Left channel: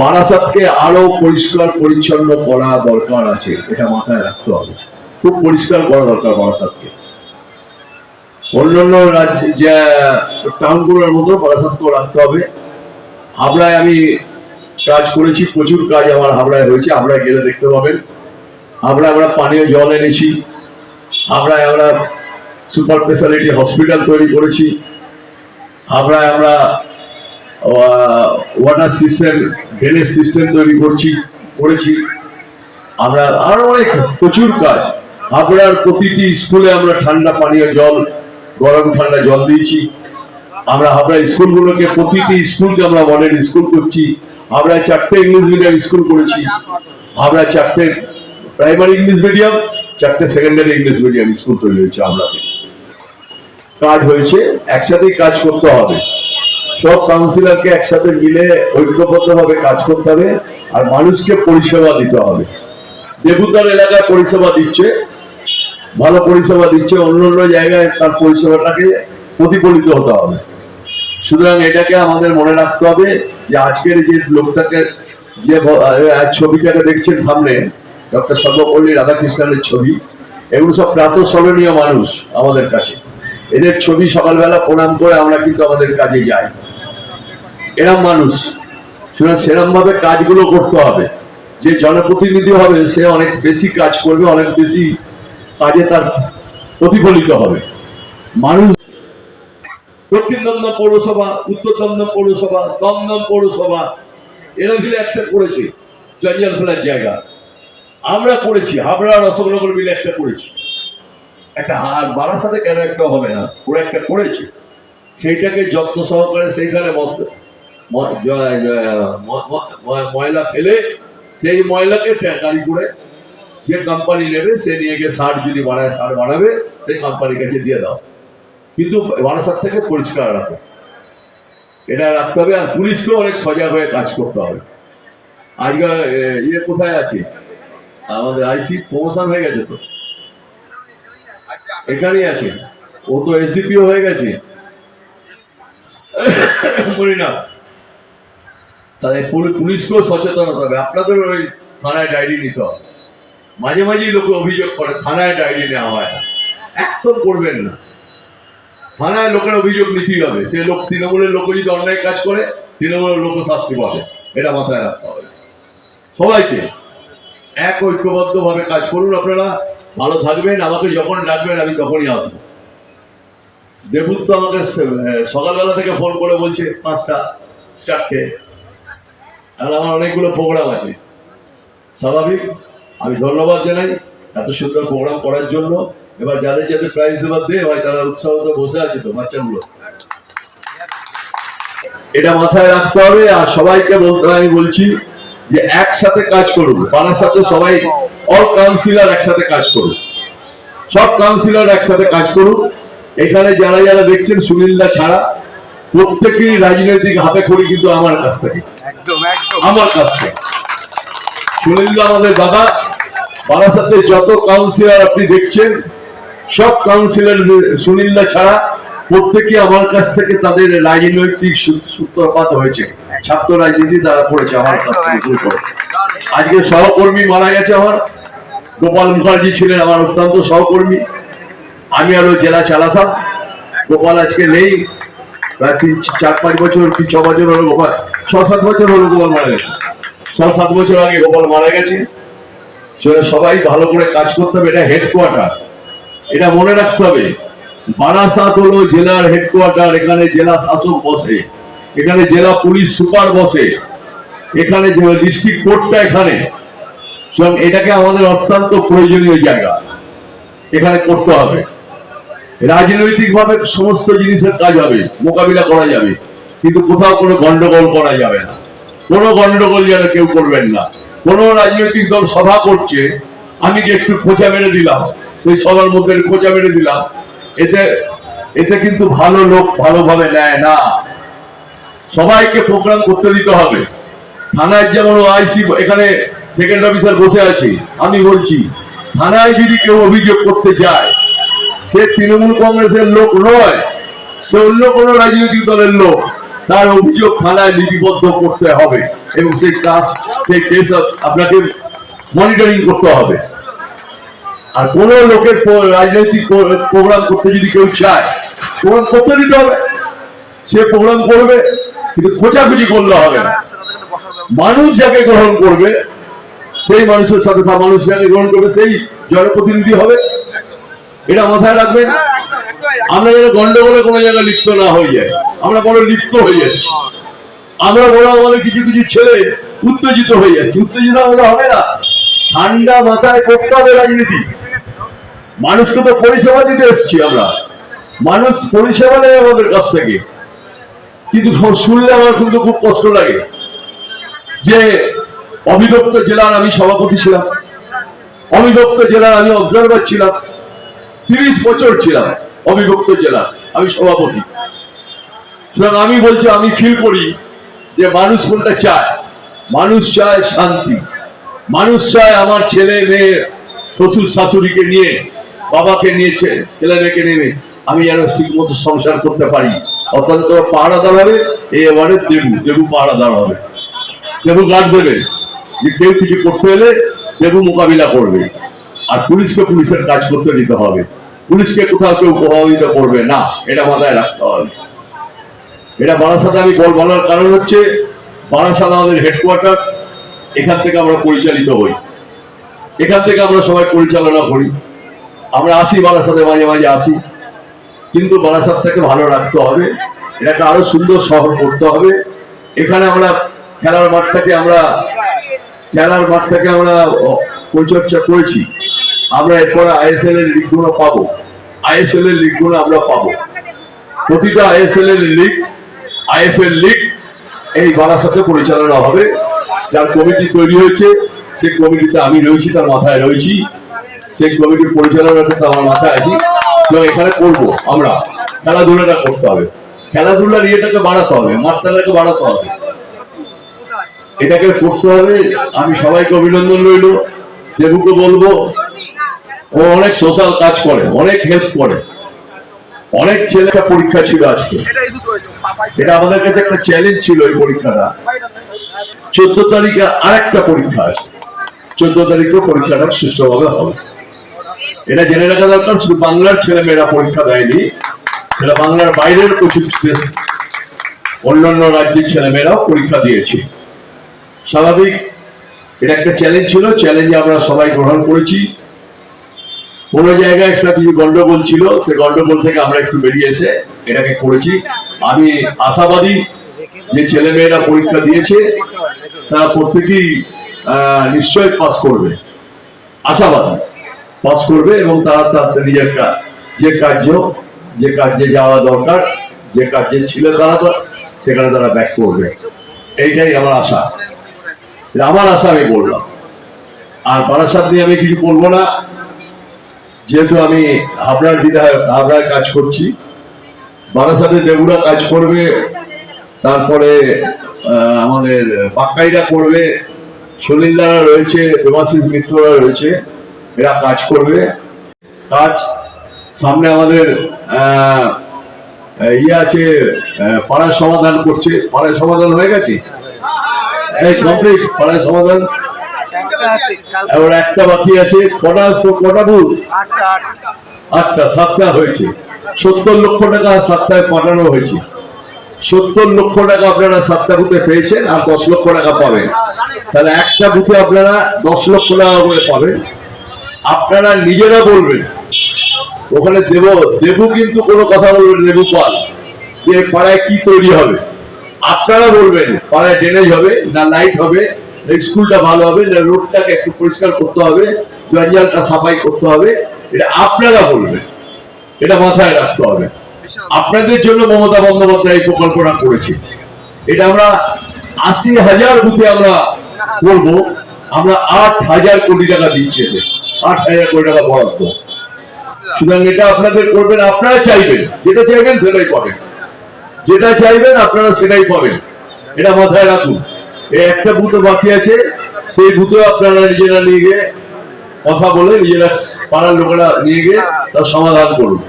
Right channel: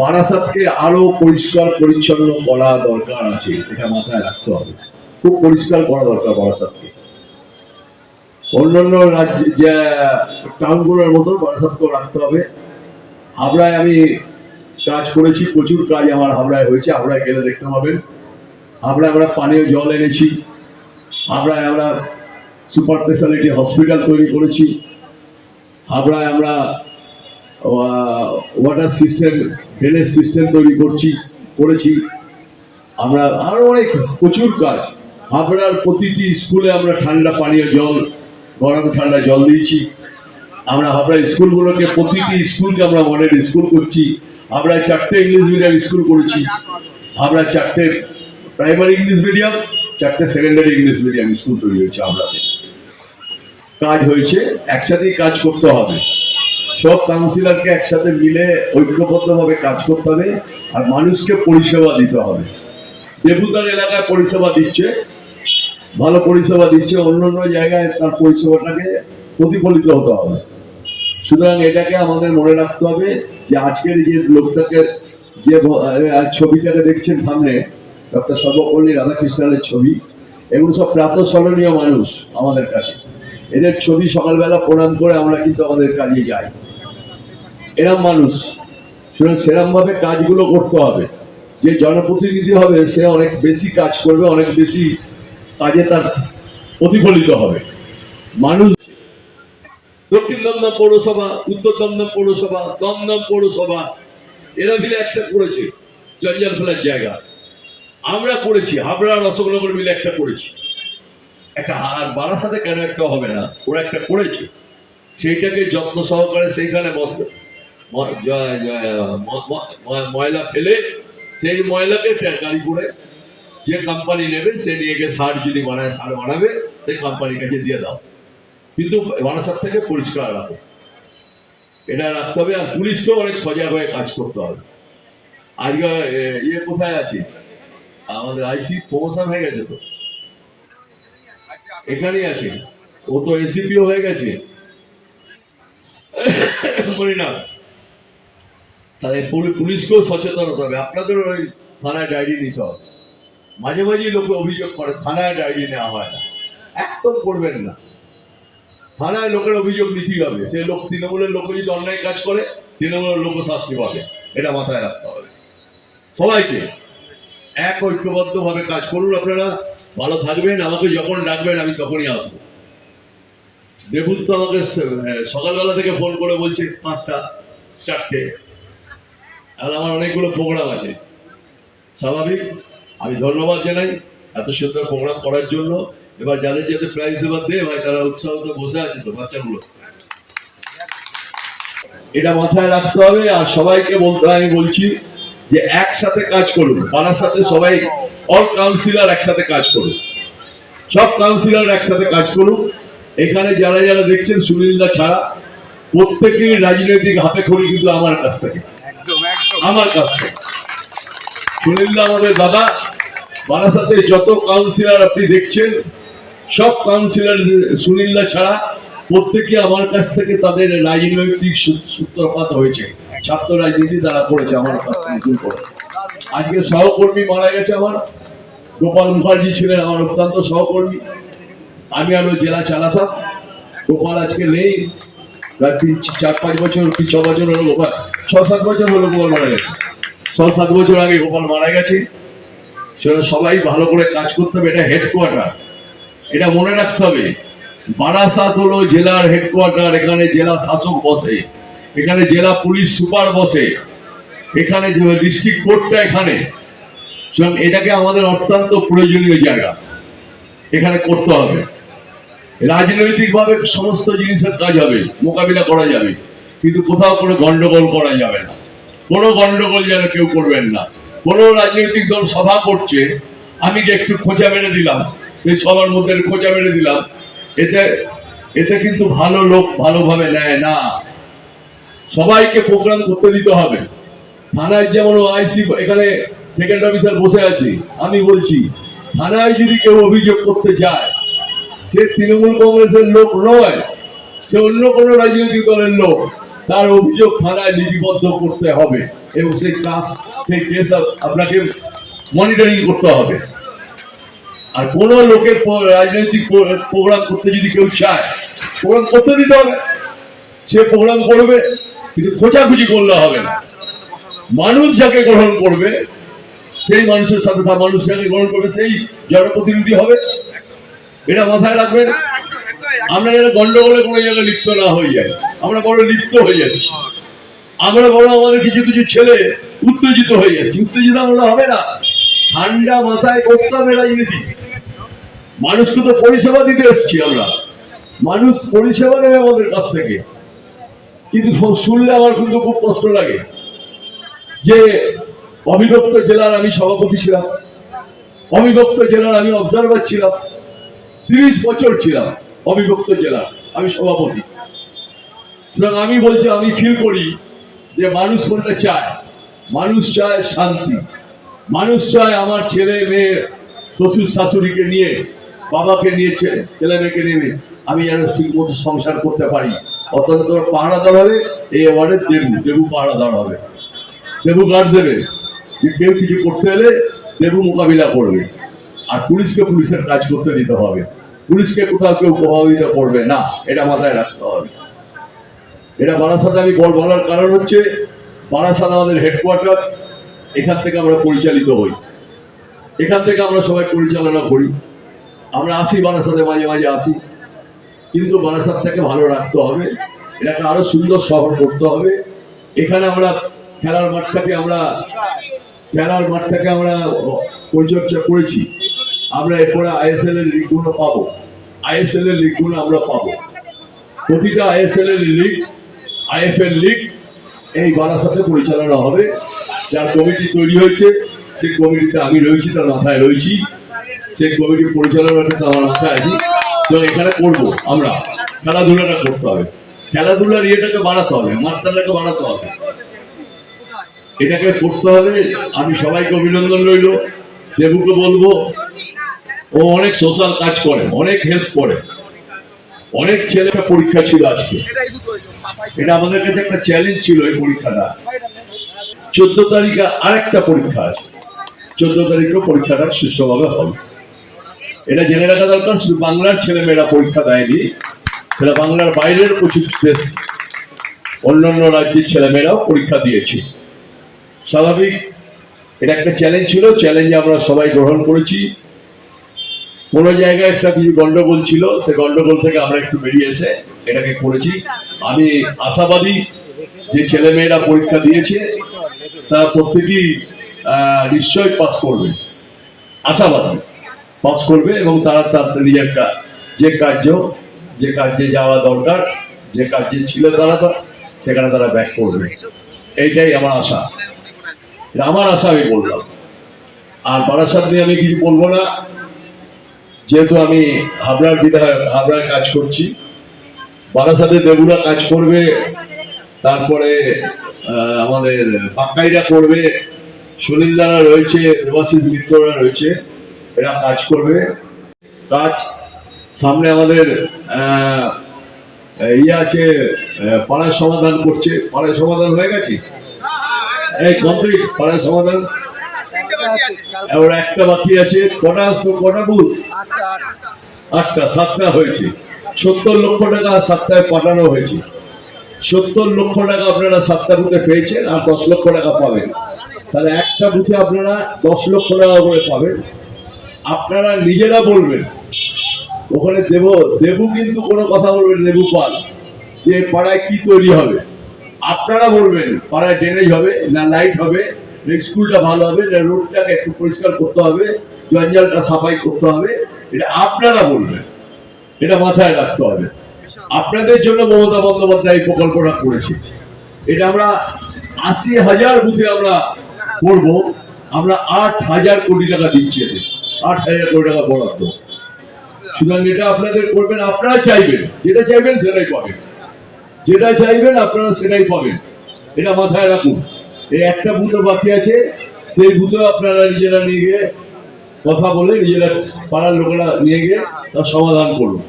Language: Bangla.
বারাসাতকে আরো পরিষ্কার পরিচ্ছন্ন করা দরকার আছে, এটা মাথায় রাখতে হবে। খুব পরিষ্কার করা দরকার বারাসাতকে। অন্যান্য রাজ্যে যে টাউনগুলোর মতো বারাসাতকেও রাখতে হবে। হাবড়ায় আমি কাজ করেছি, প্রচুর কাজ আমার হাবড়ায় হয়েছে, হাবড়ায় গেলে দেখতে পাবেন। হাবড়ায় আমরা পানীয় জল এনেছি, হাবড়ায় আমরা সুপার স্পেশালিটি হসপিটাল তৈরি করেছি, হাবড়ায় আমরা ওয়াটার সিস্টেম, ড্রেনেজ সিস্টেম তৈরি করেছি আমরা। আরো অনেক প্রচুর কাজ। হাবড়ার প্রতিটি স্কুলে আমরা ঠান্ডা পানীয় জল, গরম ঠান্ডা জল দিয়েছি। আমরা হাবড়া স্কুলগুলোকে, প্রতিটি স্কুলকে আমরা মডেল স্কুল করছি। হাবড়ায় 4টে ইংলিশ মিডিয়াম স্কুল করেছি, হাবড়ায় 4টে প্রাইমারি ইংলিশ মিডিয়াম, 4টে সেকেন্ডারি ইংলিশ মিডিয়াম স্কুল তৈরি হয়েছে হাবড়াতে। কাজ হয়েছে, একসাথেই কাজ করতে হবে। সব কাউন্সিলরকে একসাথে মিলে ঐক্যবদ্ধভাবে কাজ করতে হবে, আর মানুষকে পরিষেবা দিতে হবে। দেবুতার এলাকায় পরিষেবা দিচ্ছে, ভালো পরিষেবা দিচ্ছে, অন্য জায়গায় তার পরিষেবাটাকে প্রতিফলিত হতে হবে। সুতরাং এটাকে আমাদের মনে রাখতে হবে যে আজকের যে লোকটাকে, যে ছবিটাকে দেখছেন সামনে, ডক্টর সর্বপল্লী রাধাকৃষ্ণনের ছবি, এগুলো সব প্রাতঃস্মরণীয় মানুষ আমাদের কাছে। এদের ছবি সকালবেলা প্রণাম করে আমরা কিন্তু আমাদের কাজে যাই। এরম মানুষ, সুতরাং সেরম ভাবে কাজগুলো করতে হবে। যে জনপ্রতিনিধি হবে সে অনেক বেশি কাজ করবে, অনেক বেশি কাজে তার প্রতিফলিত হবে। মানুষ দক্ষিণ দমদম পৌরসভা, উত্তর দমদম পৌরসভা, দমদম পৌরসভা এরা মিলে একটা করেছে জঞ্জাল ফেলার জায়গা। আমরা করেছি, হাবড়া রসগোল্লা মিলে একটা করেছি। একটা আর বারাসাতে কেন একটা হবে না, ওরা একটা করেছে, সেইটাকে যত্ন সহকারে সেইখানে ময়লা ফেলে, সেই ময়লাকে গাড়ি করে যে কোম্পানি নেবে সে নিয়ে গিয়ে সার যদি বানায়, সার বানাবে, সেই কোম্পানির কাছে দিয়ে দাও। কিন্তু বারাসাত থেকে পরিষ্কার রাখো, এটা রাখতে হবে। আর পুলিশকেও অনেক সজাগ হয়ে কাজ করতে হবে। আজকে ইয়ে কোথায় আছে আমাদের আইসি, প্রমোশন হয়ে গেছে তো, এখানেই আছে, ও তো এসডিপিও হয়ে গেছে বলি না। তাহলে পুলিশকেও সচেতন হতে হবে। আপনাদের ওই থানায় ডায়েরি নিতে হবে। মাঝে মাঝেই লোকে অভিযোগ করে থানায় ডায়েরি নেওয়া হয় না, একদম করবেন না। থানায় লোকের অভিযোগ নিতেই হবে। সে লোক, তৃণমূলের লোক যদি অন্যায় কাজ করে, তৃণমূলের লোক শাস্তি পাবে, এটা মাথায় রাখতে হবে। সবাইকে এক ঐক্যবদ্ধভাবে কাজ করুন। আপনারা ভালো থাকবেন, আমাকে যখন ডাকবেন আমি তখনই আসবো। দেবুত তো আমাকে সকালবেলা থেকে ফোন করে বলছে 5টা 4টে, আর আমার অনেকগুলো প্রোগ্রাম আছে। স্বাভাবিক, আমি ধন্যবাদ জানাই এত সুন্দর প্রোগ্রাম করার জন্য। এবার যাদের যাদের প্রাইজ দেওয়ার দিয়ে হয় তারা উৎসাহত বসে আছে তো বাচ্চাগুলো, এটা মাথায় রাখতে হবে। আর সবাইকে আমি বলছি যে একসাথে কাজ করুন। বারাসাতে সবাই, অল কাউন্সিলর একসাথে কাজ করুন, সব কাউন্সিলর একসাথে কাজ করুন। এখানে যারা যারা দেখছেন সুনীলদা ছাড়া প্রত্যেকেই রাজনৈতিক হাতে খড়ি কিন্তু আমার কাছ থেকে, আমার কাছ থেকে। সুনীলদা আমাদের দাদা। বারাসাতে যত কাউন্সিলর আপনি দেখছেন সব কাউন্সিলর সুনীলদা ছাড়া প্রত্যেকে আমার কাছ থেকে তাদের রাজনৈতিক সূত্রপাত হয়েছে। ছাত্র রাজনীতি তারা করেছে আমার কাছ থেকে শুরু করে। আজকে সহকর্মী মারা গেছে আমার, গোপাল মুখার্জি ছিলেন আমার অত্যন্ত সহকর্মী। আমি আরো জেলা চালাতাম, গোপাল আজকে নেই। প্রায় 4-5 বছর কি 6 বছর হলো গোপাল, 6-7 বছর হলো গোপাল মারা গেছে। 6-7 বছর আগে গোপাল মারা গেছে। সেটা সবাই ভালো করে কাজ করতে হবে। এটা হেডকোয়ার্টার, এটা মনে রাখতে হবে। বারাসাত হলো জেলার হেডকোয়ার্টার। এখানে জেলা শাসক বসে, এখানে জেলা পুলিশ সুপার বসে, এখানে ডিস্ট্রিক্ট কোর্টটা এখানে। এটাকে আমাদের অত্যন্ত প্রয়োজনীয় জায়গা, এখানে করতে হবে। রাজনৈতিক ভাবে সমস্ত জিনিসের কাজ হবে, মোকাবিলা করা যাবে, কিন্তু কোথাও কোনো গন্ডগোল করা যাবে না। কোনো গন্ডগোল যেন কেউ করবেন না। কোন রাজনৈতিক দল সভা করছে, আমি যে একটু খোঁচা মেরে দিলাম, সেই সবার মধ্যে খোঁচা মেরে দিলাম, এতে কিন্তু ভালো লোক ভালোভাবে নেয় না। সবাইকে প্রোগ্রাম করতে দিতে হবে। থানায় যেমন আইসি, এখানে সেকেন্ড অফিসার বসে আছে, আমি বলছি থানায় যদি কেউ অভিযোগ করতে যায়, সে তৃণমূল কংগ্রেসের লোক নয়, সে অন্য কোনো রাজনৈতিক দলের লোক। তার অভিযোগ থানায় লিপিবদ্ধ করতে হবে এবং সেই কেস আপনাকে মনিটরিং করতে হবে। আর কোন লোকের রাজনৈতিক প্রোগ্রাম করতে যদি কেউ চায়, প্রোগ্রাম করতে দিতে হবে, সে প্রোগ্রাম করবে, কিন্তু খোঁচাখুচি করলে হবে না। মানুষ যাকে গ্রহণ করবে সেই মানুষের সাথে মানুষ যাকে গ্রহণ করবে সেই জনপ্রতিনিধি হবে, এটা মাথায় রাখবেন। আমরা যেন গন্ডগোলে কোনো জায়গায় লিপ্ত না হয়ে যাই, আমরা বড় লিপ্ত হয়ে যাচ্ছি, আমরা বড় আমাদের কিছু কিছু ছেলে উত্তেজিত হয়ে যাচ্ছে। উত্তেজিত হলে হবে না, ঠান্ডা মাথায় করতে হবে রাজনীতি। মানুষকে তো পরিষেবা দিতে এসছি আমরা, মানুষ পরিষেবা নেয় আমাদের কাছ থেকে। কিন্তু শুনলে আমার কিন্তু খুব কষ্ট লাগে যে অবিভক্ত জেলার আমি সভাপতি ছিলাম, অবিভক্ত জেলার আমি অবজারভার ছিলাম, 30 বছর ছিলাম অবিভক্ত জেলার আমি সভাপতি। সুতরাং আমি বলছি, আমি ফিল করি যে মানুষ কোনটা চায়। মানুষ চায় শান্তি, মানুষ চায় আমার ছেলে মেয়ে শ্বশুর শাশুড়িকে নিয়ে, বাবাকে নিয়ে, ছেলে মেয়েকে নিয়ে আমি যেন ঠিক মতো সংসার করতে পারি। অত্যন্ত পাহারাদার হবে এই এবারে দেবু পাহারাদার হবে, দেবু গার্ড দেবে, যে কেউ কিছু করতে হলে দেবু মোকাবিলা করবে। আর পুলিশকে পুলিশের কাজ করতে দিতে হবে, পুলিশকে কোথাও কেউ প্রভাবিত করবে না, এটা মাথায় রাখতে হবে। এটা বারাসাতে আমি বলার কারণ হচ্ছে, বারাসাত আমাদের হেডকোয়ার্টার, এখান থেকে আমরা পরিচালিত হই, এখান থেকে আমরা সবাই পরিচালনা করি। আমরা আসি বারাসাতে, মাঝে মাঝে আসি, কিন্তু বারাসাতটাকে ভালো রাখতে হবে, এটাকে আরো সুন্দর শহর করতে হবে। এখানে আমরা খেলার মাঠটাকে আমরা পরিচর্যা করেছি। আমরা এরপরে আইএসএল এর লিগগুলো পাবো, আইএসএল এর লিগগুলো আমরা পাবো। প্রতিটা আইএসএল এর লিগ, আইএফএল লিগ এই বারাসাতে পরিচালনা হবে। যার কমিটি তৈরি হয়েছে সেই কমিটিতে আমি রয়েছি, তার মাথায় রয়েছি, সেই কমিটির পরিচালনা করতে আমার মাথায় আছি। এবং এখানে করবো আমরা, খেলাধুলাটা করতে হবে, খেলাধুলার ইয়েটাকে বাড়াতে হবে, মাত্রাটাকে বাড়াতে হবে, এটাকে করতে হবে। আমি সবাইকে অভিনন্দন রইল। দেবুকে বলবো, ও অনেক সোশ্যাল কাজ করে, অনেক হেল্প করে। অনেক ছেলে পরীক্ষা ছিল আজকে, এটা আমাদের কাছে একটা চ্যালেঞ্জ ছিল। এই পরীক্ষাটা 14 তারিখে আরেকটা পরীক্ষা আছে, 14 তারিখে পরীক্ষাটা সুষ্ঠুভাবে হবে, এটা জেনে রাখা দরকার। শুধু বাংলার ছেলে মেয়েরা পরীক্ষা দেয়নি, সেটা বাংলার বাইরের প্রচুর দেশ, অন্যান্য রাজ্যের ছেলে মেয়েরাও পরীক্ষা দিয়েছে। স্বাভাবিক, এটা একটা চ্যালেঞ্জ ছিল, চ্যালেঞ্জে আমরা সবাই গ্রহণ করেছি। কোনো জায়গায় একটা কিছু গন্ডগোল ছিল, সে গন্ডগোল থেকে আমরা একটু বেরিয়ে এসে এটাকে করেছি। আমি আশাবাদী যে ছেলে মেয়েরা পরীক্ষা দিয়েছে তারা প্রত্যেকেই নিশ্চয় পাস করবে, আশাবাদী পাস করবে, এবং তারা তার নিজের যে কার্যে যাওয়া দরকার, যে কার্যে ছিল তারা সেখানে তারা ব্যাক করবে। এইটাই আমার আশা, আমার আশা আমি বললাম। আর বারাসাত নিয়ে আমি কিছু বলবো না, যেহেতু আমি হাবড়ার বিধায়ক, হাবড়ায় কাজ করছি। বারাসাতে দেবুরা কাজ করবে, তারপরে আমাদের পাক্কাইরা করবে, সুনীলদারা রয়েছে, দেবাশিস মিত্ররা রয়েছে, এরা কাজ করবে। কাজ সামনে আমাদের আছে, পাড়ার সমাধান করছে, পাড়ায় সমাধান হয়ে গেছে, এই কমপ্লিট পাড়ায় সমাধান। এবার একটা বাকি আছে, কটা বুথ? 8টা, 7টা হয়েছে। 70 লক্ষ টাকা 7টায় পাঠানো হয়েছে। 70 লক্ষ টাকা আপনারা 7টা বুথে পেয়েছেন, আর 10 লক্ষ টাকা পাবেন। তাহলে একটা বুথে আপনারা 10 লক্ষ টাকা করে পাবেন। আপনারা নিজেরা বলবেন, ওখানে দেবু কিন্তু কোনো কথা বলবেন, দেবু পাল, যে পাড়ায় কি তৈরি হবে। আপনারা বলবেন পাড়ায় ড্রেনেজ হবে না লাইট হবে, স্কুলটা ভালো হবে না রোডটাকে একটু পরিষ্কার করতে হবে, জঞ্জালটা সাফাই করতে হবে, এটা আপনারা বলবেন, এটা মাথায় রাখতে হবে। আপনাদের জন্য মমতা বন্দ্যোপাধ্যায় এই প্রকল্পটা করেছে। এটা আমরা 80,000 বুথে আমরা করবো। আমরা 8,000 কোটি টাকা দিচ্ছি, এতে 8,000 কোটি টাকা বরাদ্দ। সুতরাং এটা আপনাদের করবেন, আপনারা চাইবেন, যেটা চাইবেন সেটাই পাবেন, যেটা চাইবেন আপনারা সেটাই পাবেন, এটা মাথায় রাখুন। এই একটা বুথে বাকি আছে, সেই বুথে আপনারা নিজেরা নিয়ে গিয়ে কথা বলে, নিজেরা পাড়ার লোকেরা নিয়ে গিয়ে তার সমাধান করুন।